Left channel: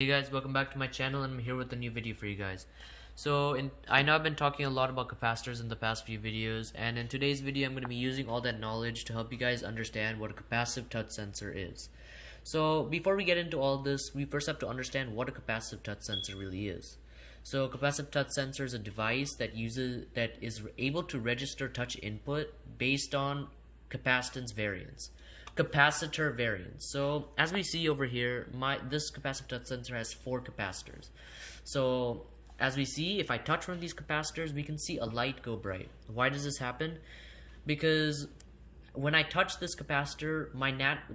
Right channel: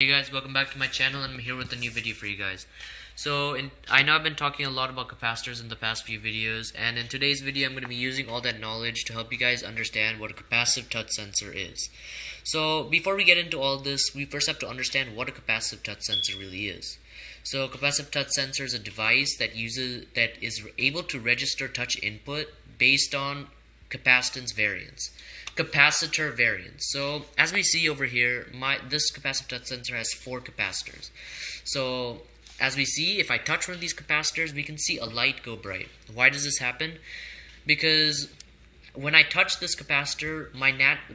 Hey guys, welcome back to my channel, and I'm here with a new video for you guys. I know I've been talking a lot about capacitors in the past few videos, and in today's video I'm going to be using all that knowledge to help you guys understand what a capacitive touch sensor is. So before we get into all this, we first have to understand what a capacitive touch sensor really is. So a capacitive touch sensor is a device that is able to register touch input based on capacitance variance. Capacitor variance. So as we see over here, this capacitive touch sensor has 4 capacitors. So as we see, if I touch one of these capacitors, we can see a light go bright. Why does this happen? Because when I touch this capacitor,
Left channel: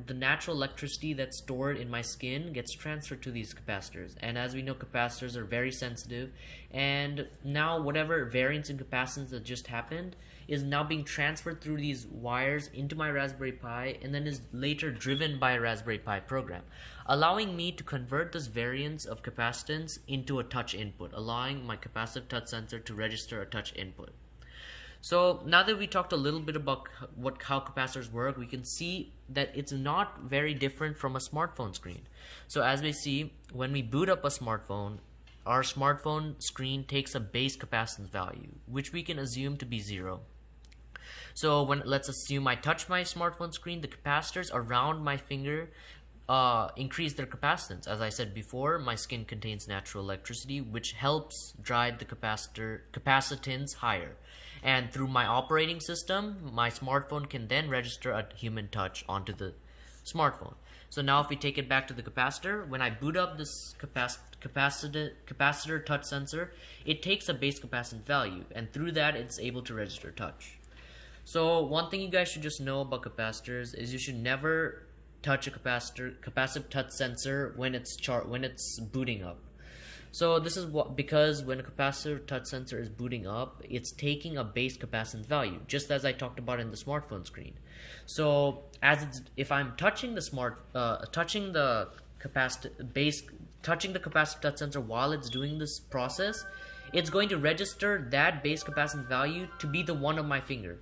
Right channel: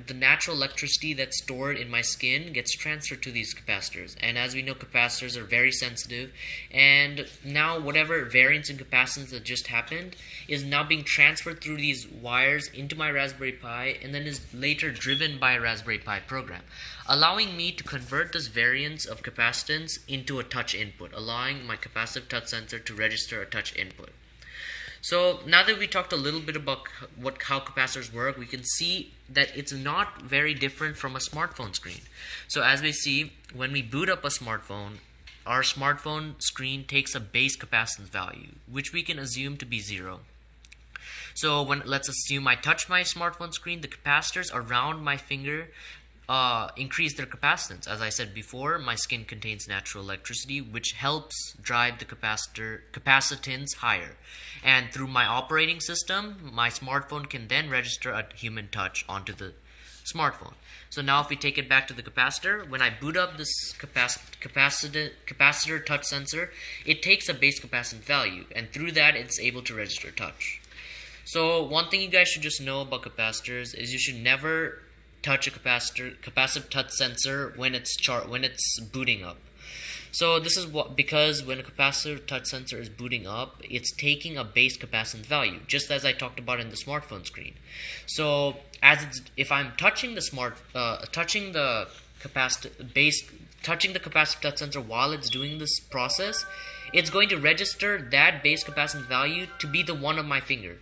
the natural electricity that's stored in my skin gets transferred to these capacitors. And as we know, capacitors are very sensitive, and now whatever variance in capacitance that just happened is now being transferred through these wires into my Raspberry Pi, and then is later driven by a Raspberry Pi program, allowing me to convert this variance of capacitance into a touch input, allowing my capacitive touch sensor to register a touch input. So now that we talked a little bit about how capacitors work, we can see that it's not very different from a smartphone screen. So as we see, when we boot up a smartphone, our smartphone screen takes a base capacitance value, which we can assume to be 0. So let's assume I touch my smartphone screen, the capacitors around my finger increase their capacitance. As I said before, my skin contains natural electricity, which helps drive the capacitance higher. And through my operating system, my smartphone can then register a human touch onto the smartphone. So now if we take it back to the capacitor, when I boot up this capacitor touch sensor, it takes a base capacitance value, and through that it's able to register touch. So one thing you guys should just know about capacitors is you should never touch a capacitive touch sensor when it's booting up. So this is because when a capacitive touch sensor is booting up, it's taking a base capacitance value, just as I talked about in the smartphone screen. So if I'm touching the capacitive touch sensor while it's doing this process, it's going to register that base capacitance value to be the one of my finger.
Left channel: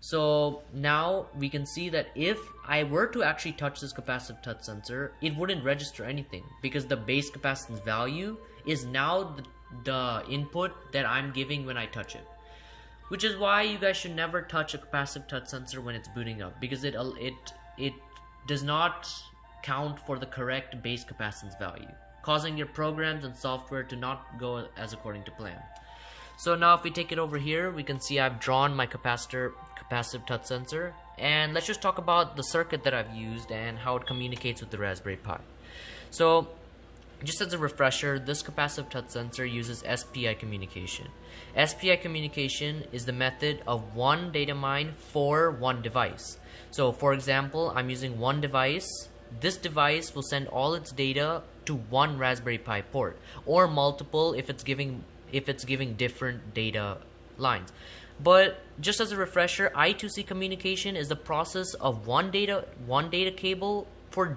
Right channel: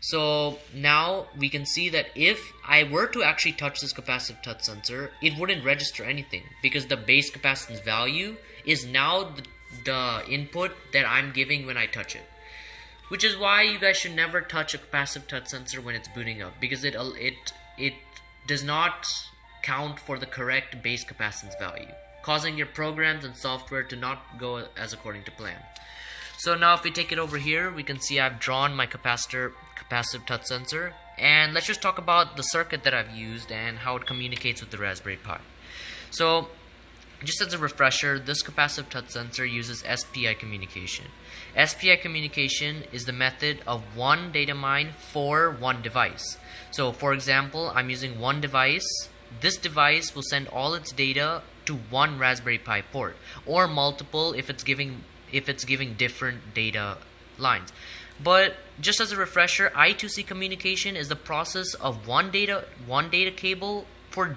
So now we can see that if I were to actually touch this capacitive touch sensor, it wouldn't register anything, because the base capacitance value is now the input that I'm giving when I touch it. Which is why you guys should never touch a capacitive touch sensor when it's booting up, because it does not count for the correct base capacitance value, causing your programs and software to not go as according to plan. So now if we take it over here, we can see I've drawn my capacitive touch sensor, and let's just talk about the circuit that I've used and how it communicates with the Raspberry Pi. So just as a refresher, this capacitive touch sensor uses SPI communication. SPI communication is the method of one data mine for one device. So for example, I'm using one device. This device will send all its data to one Raspberry Pi port, or multiple if it's giving different data lines. But just as a refresher, I2C communication is the process of one data cable for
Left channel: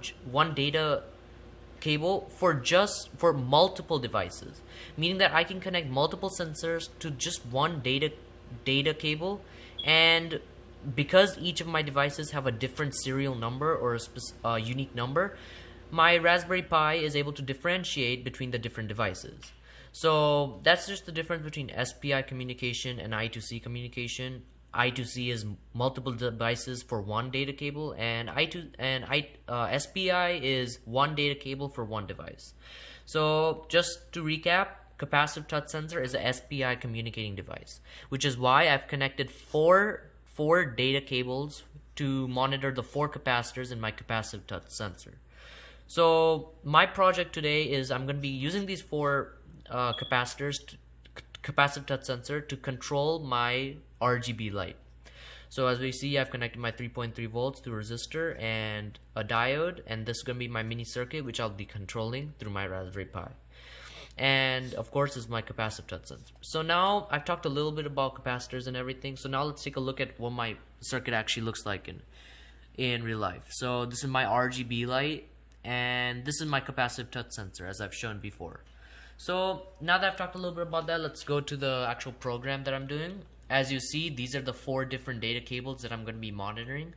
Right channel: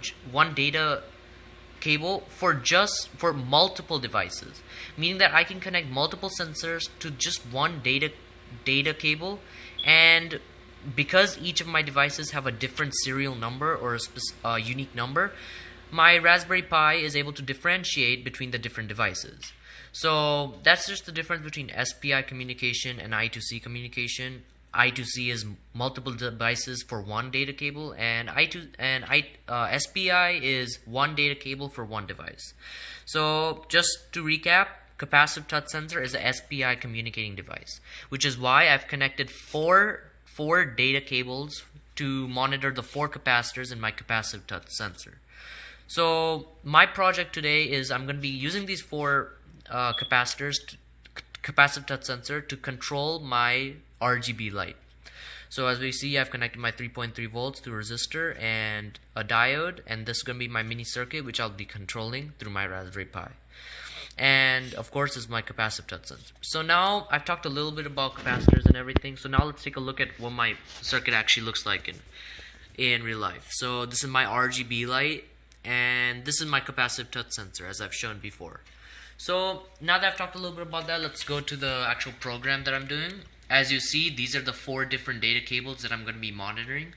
multiple devices, meaning that I can connect multiple sensors to just one data cable, and because each of my devices have a different serial number or a unique number, my Raspberry Pi is able to differentiate between the different devices. So that's just the difference between SPI communication and I2C communication. I2C is multiple devices for one data cable, and SPI is one data cable for one device. So just to recap, capacitive touch sensor is a SPI communicating device, which is why I've connected four data cables to monitor the 4 capacitors in my capacitive touch sensor. So my project today is I'm going to be using these 4 capacitive touch sensor to control my RGB light. So as we see, I've connected my 3.3 volts to a resistor and a diode, and this is going to be my mini circuit, which I'll be controlling through my Raspberry Pi. And of course, this is my capacitive touch sensor. So now I've talked a little bit about capacitors and everything. So now let's take a look at what my circuit actually looks like in real life. So this is my RGB light, and this is my capacitive touch sensor, as I've shown before. So now that I've talked a little bit about that, let's go to the actual program that I'm doing. As you see, these are the 4 different data cables that I'm going to be monitoring,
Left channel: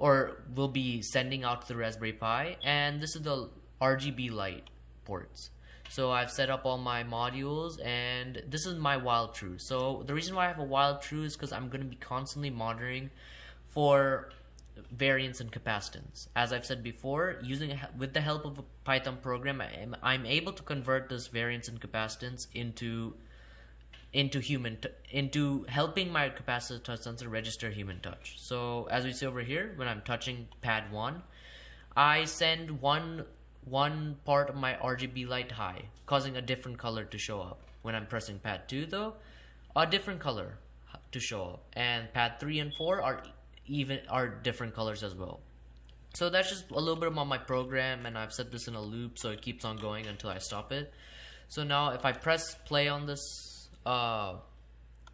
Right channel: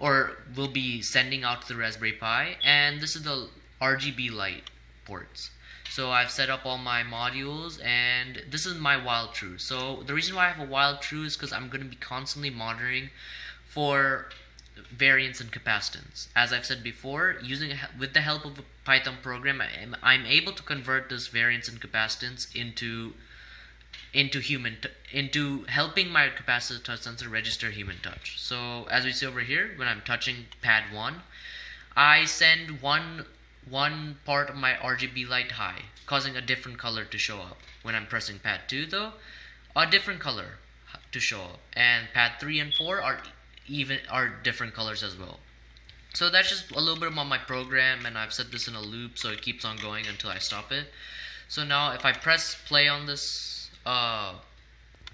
or will be sending out to the Raspberry Pi, and this is the RGB light ports. So I've set up all my modules, and this is my while true. So the reason why I have a while true is because I'm going to be constantly monitoring for variance and capacitance. As I've said before, with the help of a Python program, I'm able to convert this variance and capacitance into helping my capacitive touch sensor register human touch. So as we see over here, when I'm touching pad 1, I send one part of my RGB light high, causing a different color to show up. When I'm pressing pad 2 though, a different color to show up, and pad 3 and 4 are different colors as well. So that's just a little bit about my program, and I've set this in a loop so it keeps on going until I stop it. So now if I press play on this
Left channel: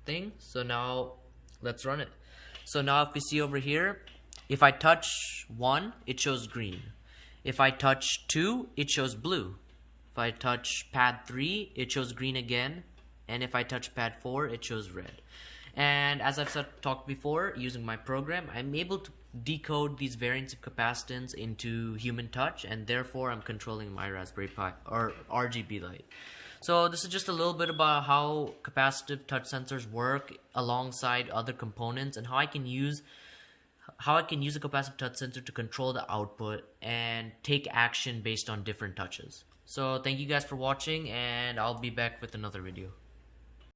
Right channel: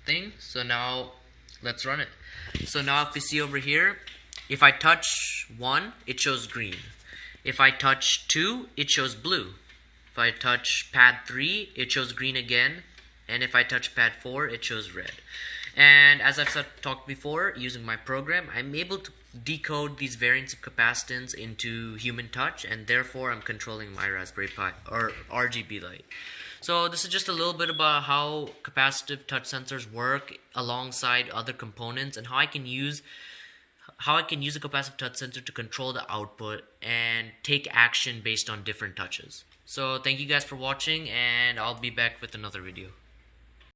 thing, so now let's run it. So now if you see over here, if I touch 1, it shows green. If I touch 2, it shows blue. If I touch pad 3, it shows green again. And if I touch pad 4, it shows red. And as I've talked before, using my program, I'm able to decode these variants of capacitance into human touch, and therefore I'm controlling my Raspberry Pi or RGB light. So this is just a little bit about how capacitive touch sensors work alongside other components, and how I can use a capacitive touch sensor to control the output and take action based on different touches. So thank you guys for watching, and I'll be back with another video.